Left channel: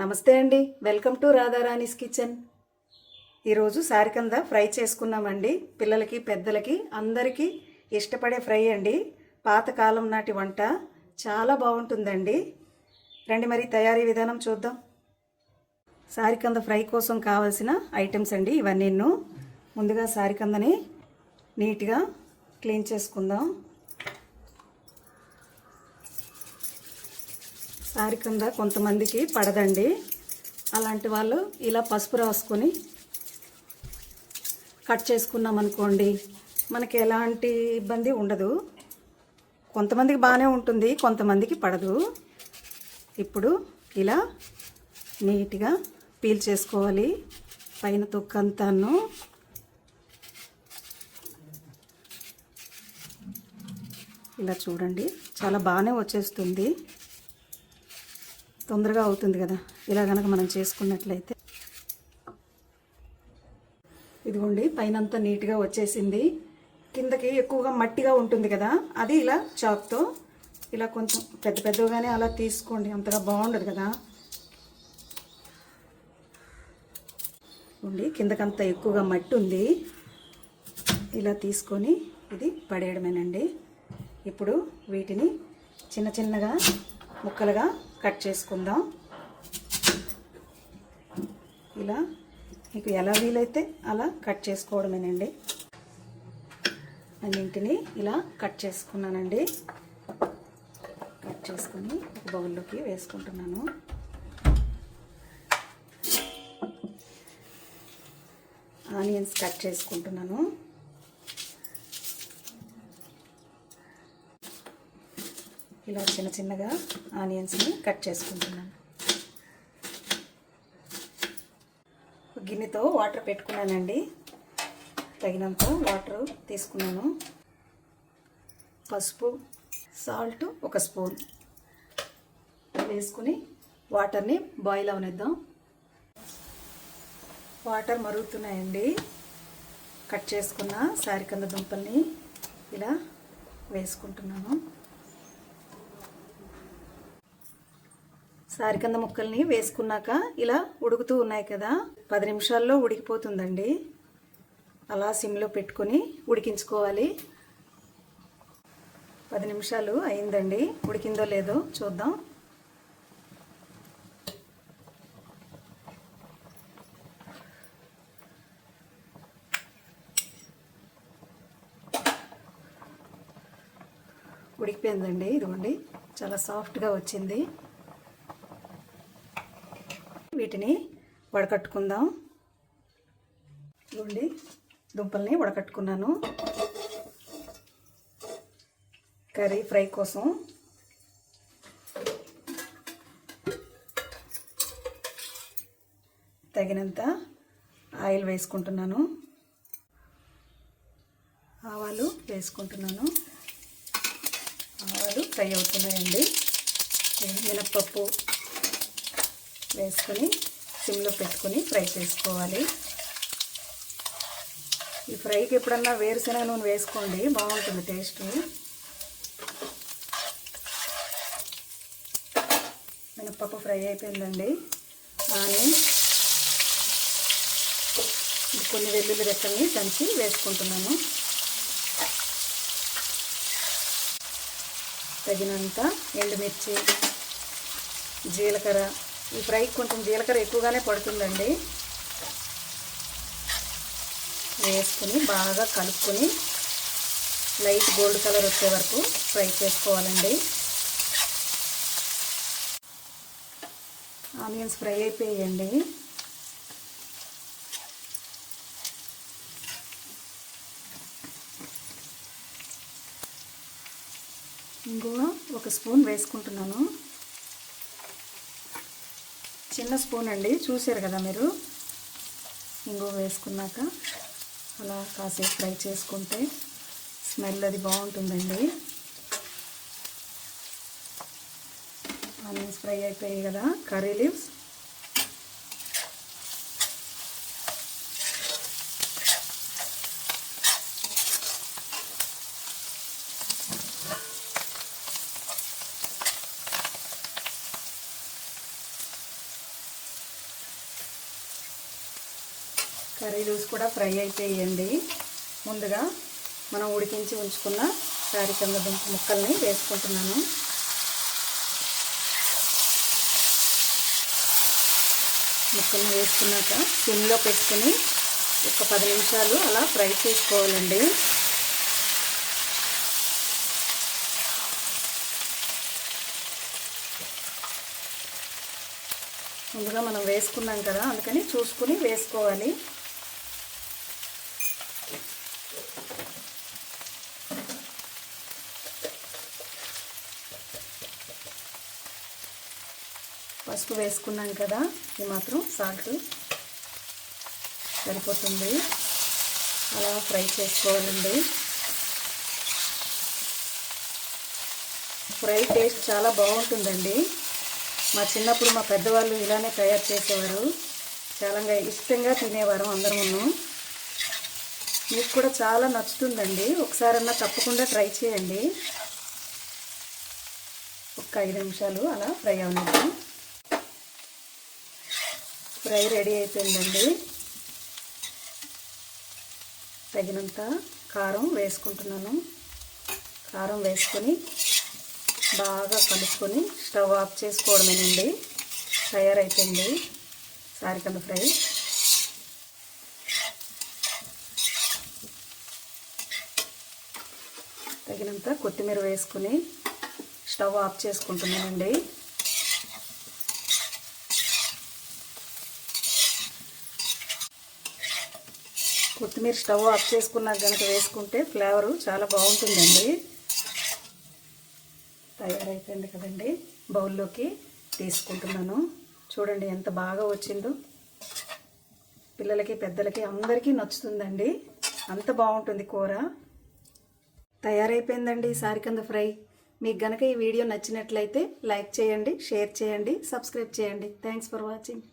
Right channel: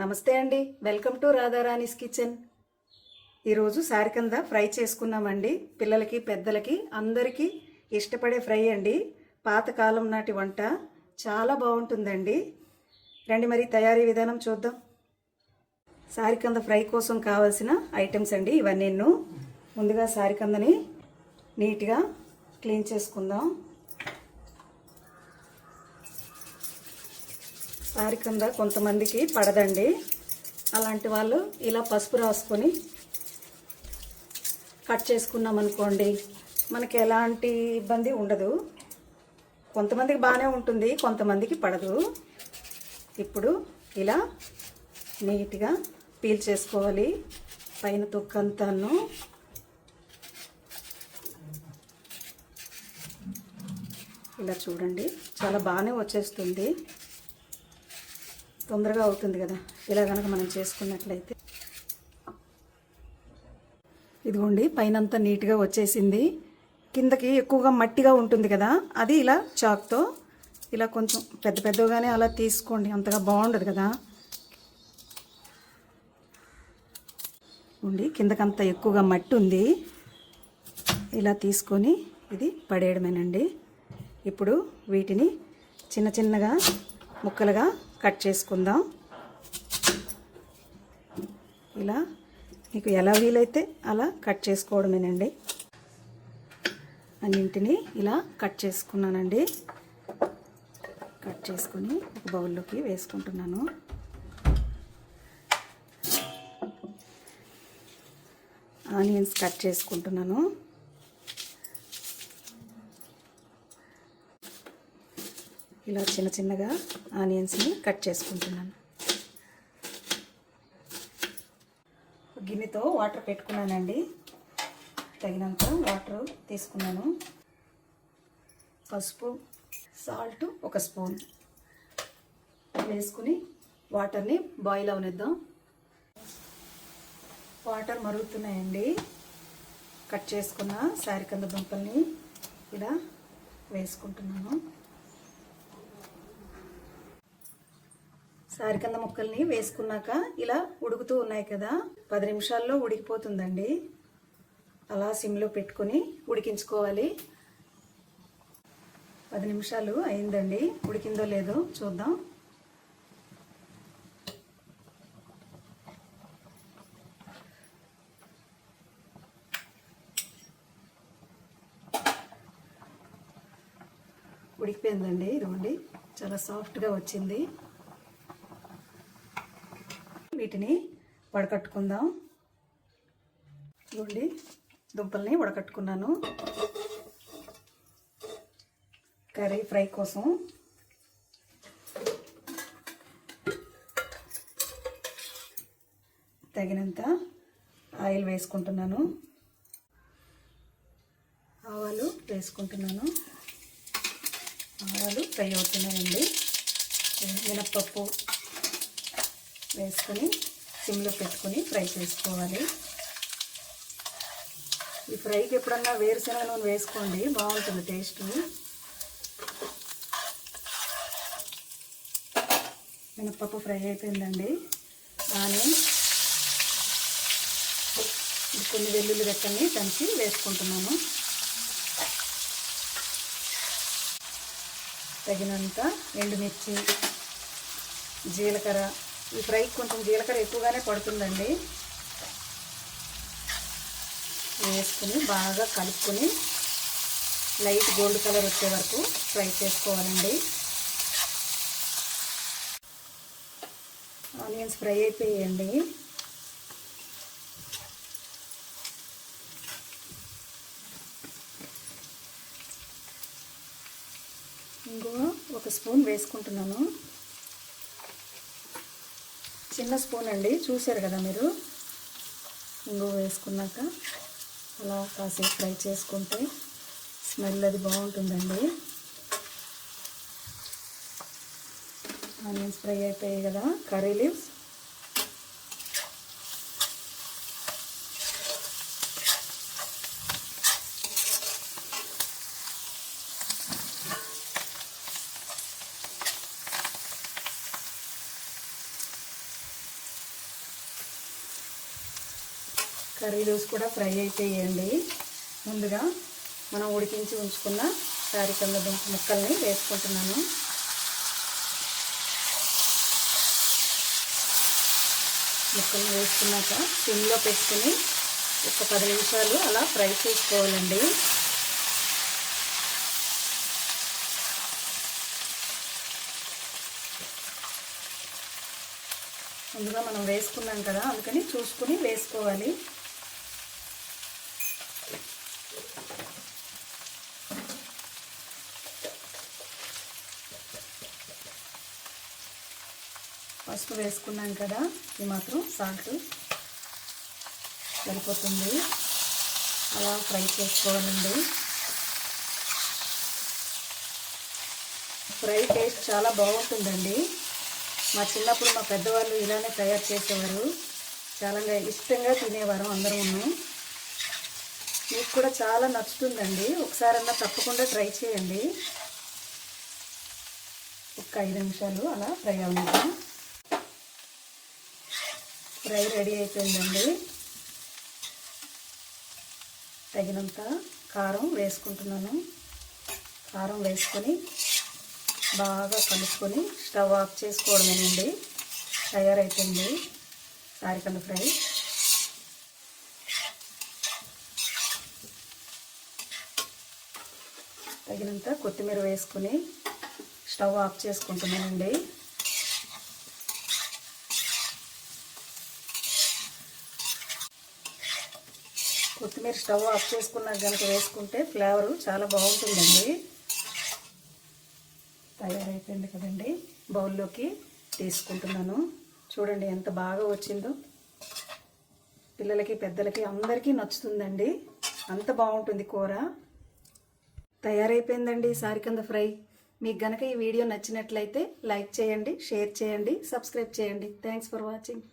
నమస్తే అండి, welcome to Radharani's kitchen. ఈరోజు సారికంద ఫ్రై చేసుకున్నామండి. పిల్లలకి పెద్దలకి అందరికీ ఇష్టపడే ఫ్రై అండి. పాతకాలం నాటి వంట చాలా బాగుంటుందండి. రండి మరి తయారీ విధానం చూద్దాం. సారికంద ఫ్రై కోసం కావాల్సిన ఐటమ్స్ అండి ఇవన్నీ. ముందుగా సారికందని నీట్గా క్లీన్ చేసుకుందాం. సారికంద కొంతమందికి పడదండి. అలాంటి వాళ్ళు ఇలా పసుపు రాసుకొని కట్ చేసుకున్నాం అనుకోండి, మనకి ఎలాంటి ఇబ్బంది ఉండదు. కొంతమందికి బాగానే ఉంటుంది, కొంతమందికి పడదు. ఇప్పుడు ఇలా నీట్గా పీల్ చేసుకోవాలి పైన తొక్కంతాను. ఇలా చూడండి, చాలా బాగానే వచ్చేస్తుంది, తొందరగా అవుతుంది కదా ఇలా కనుక మనం చేసుకున్నట్లయితే. ఇదిగోండి, పైనంతా నీట్గా వచ్చేసింది. కిందకి ఎక్కువగా మట్టిగా ఉంటుంది కదా, అది ఇలా చాక్తో ఇలా కొంచెం పెద్ద పెద్దగానే అలా తీసుకోండి, అంతగా బాగుండదు కదా. కిందకంతా ఎక్కువగా మట్టి ఉంది, ఇలా తీసుకొని ఇది పడేయడమేనండి. ఇప్పుడు వీటిని చిన్న చిన్నగా ముక్కలుగా కట్ చేసుకుందాం. ఇలా మీకు ఎలా వీలైతే అలా కట్ చేసుకోవడమేనండి. అన్నింటినీ ఇలా కట్ చేసుకున్నానండి. కట్ చేసుకొని బౌల్లోకి వేసుకుంటున్నాను. ఆనియన్స్ కట్ చేసుకుంటున్నాను. ఇలా చిన్న చిన్నగా ఆనియన్స్ని కట్ చేసుకుంటున్నాను. గిన్నెతో వాటర్ పెట్టుకున్నానండి, తగినంత వాటర్ తీసుకున్నాను. పసుపు, సాల్ట్ 1 స్పూన్ వేసుకుని వాటర్ని బాయిల్ అవనిద్దాం. వాటర్ మరుగుతున్నాయండి. కట్ చేసుకున్న సారికంద దుంపల్ని ఇలా వేసుకుంటున్నాను. సారికంద ముక్కల్ని వేసుకున్నాక ఇలా ఉడుకుతూ ఉన్నాయి కదా, 10 నిమిషాల్లో ఉడికిపోతుందండి. అలా సిమ్లో పెట్టుకొని ఉడికించుకోవాలి. 10 నిమిషాలు అయిందండి, ఉడికిందో లేదో చూద్దాం. ఉడికిపోయిందండి. ఇదిగోండి, చాలా సాఫ్ట్గా వచ్చింది. వీటిని వడకట్టుకుందాం. ఇదిగోండి, దుంపల్ని వడకట్టుకున్నాను కర్రీ ఫ్రై కోసం. తగినంత ఆయిల్ వేసుకుంటున్నాను. ఆవాలు వేసుకుంటున్నాను. ఆవాలు ఫ్రై అవుతున్నాయండి. మినప్పప్పు వేసుకొని సిమ్లో పెట్టుకొని ఫ్రై చేసుకోవాలి. ఈ ఫ్రైకి ఎప్పుడన్నా వేరుశనగ నూనె వేసుకోండి, బాగుంటుంది టేస్ట్. మినప్పప్పు ఫ్రై అయిపోయిందండి. ఆనియన్, కొన్ని వెల్లుల్లి రెక్కల్ని కలిపి వేసుకుంటున్నాను. తగినంత ఎండుమిర్చి, జీలకర్ర. ఈ ఫ్రైకి కొంచెం జీలకర్ర ఎక్కువగానే పడుతుందండి. వేసుకొని బాగా కలుపుకొని లైట్ గోల్డ్ కలర్ వచ్చే వరకు ఫ్రై చేసుకోవాలండి. ఆనియన్స్ ఫ్రై అయిపోయాయండి. ఇంగువ 1 స్పూన్ వేసుకుంటున్నాను. చిన్న స్పూన్ అండి, చూశారు కదా మీరు. ఇంగువ వేసుకున్నాక అలా కాసేపు ఫ్రై చేసుకుంటే స్మెల్ అది బాగుంటుందండి. ఆనియన్స్ ఫ్రై అయిపోయాయి కదా, కర్రీ లీవ్స్, కర్రీ లీవ్స్ కూడా ఫ్రై అయిపోయాయండి. ముందుగా మనం ఉడికించి ఉంచుకున్న సారికంద దుంప ముక్కల్ని వేసుకుంటున్నాను. ముక్కలు వేసుకున్నాక సిమ్లో పెట్టుకుని ఒక 10 నిమిషాలు అలా ఫ్రై చేసుకోవాలండి. ముందుగా మనం వేసుకున్నాం కదా, అందుకని చూసుకుని వేసుకోవాలి. పసుపు వేసుకున్నాం కదా, ఇది మాత్రం సాల్ట్ సరిపోతుంది. అలా ఫ్రై చేసుకోవాలండి. ఫ్రై టేస్ట్ చాలా బాగుంటుందండి. మా చిన్నప్పుడు మా పెద్దవాళ్ళు ఇలానే తయారు చేసేవారు. చాలా ఇష్టంగా తినేవారు అందరూ. మీకు కూడా చాలా నచ్చుతుందండి. ఒకసారన్నా తప్పకుండా ట్రై చేయండి. ఒక 5 నిమిషాలు అలా ఫ్రై అవ్వండి. ఫ్రై రెడీ అయిపోయిందండి. తగినంత కారం వేసుకుంటున్నాను. కారం వేసుకొని బాగా కలుపుకొని స్టవ్ ఆఫ్ చేసుకోవడమేనండి. తయారైపోయింది సారికంద ఫ్రై. తగినంత కొత్తిమీర వేసుకుని స్టవ్ ఆఫ్ చేసుకుంటున్నానండి. కొత్తిమీర స్టవ్ ఆఫ్ చేసుకున్నాక కనుక వేసుకుంటే ఫ్లేవరు చాలా బాగుంటుందండి. తయారైపోయింది కదండి. బౌల్లోకి తీసుకుంటున్నాను. చూడండి ఎంత బాగా వచ్చిందో. పిల్లలకి పెద్దలకి అందరికీ నచ్చుతుందండి. అంత బాగుంటుంది కూర. తయారైపోయిందండి సారికంద ఫ్రై. మీకు గనక ఈ వీడియో నచ్చినట్లయితే లైక్ చేయండి, షేర్ చేయండి, సబ్స్క్రైబ్ చేయండి. Thanks for watching.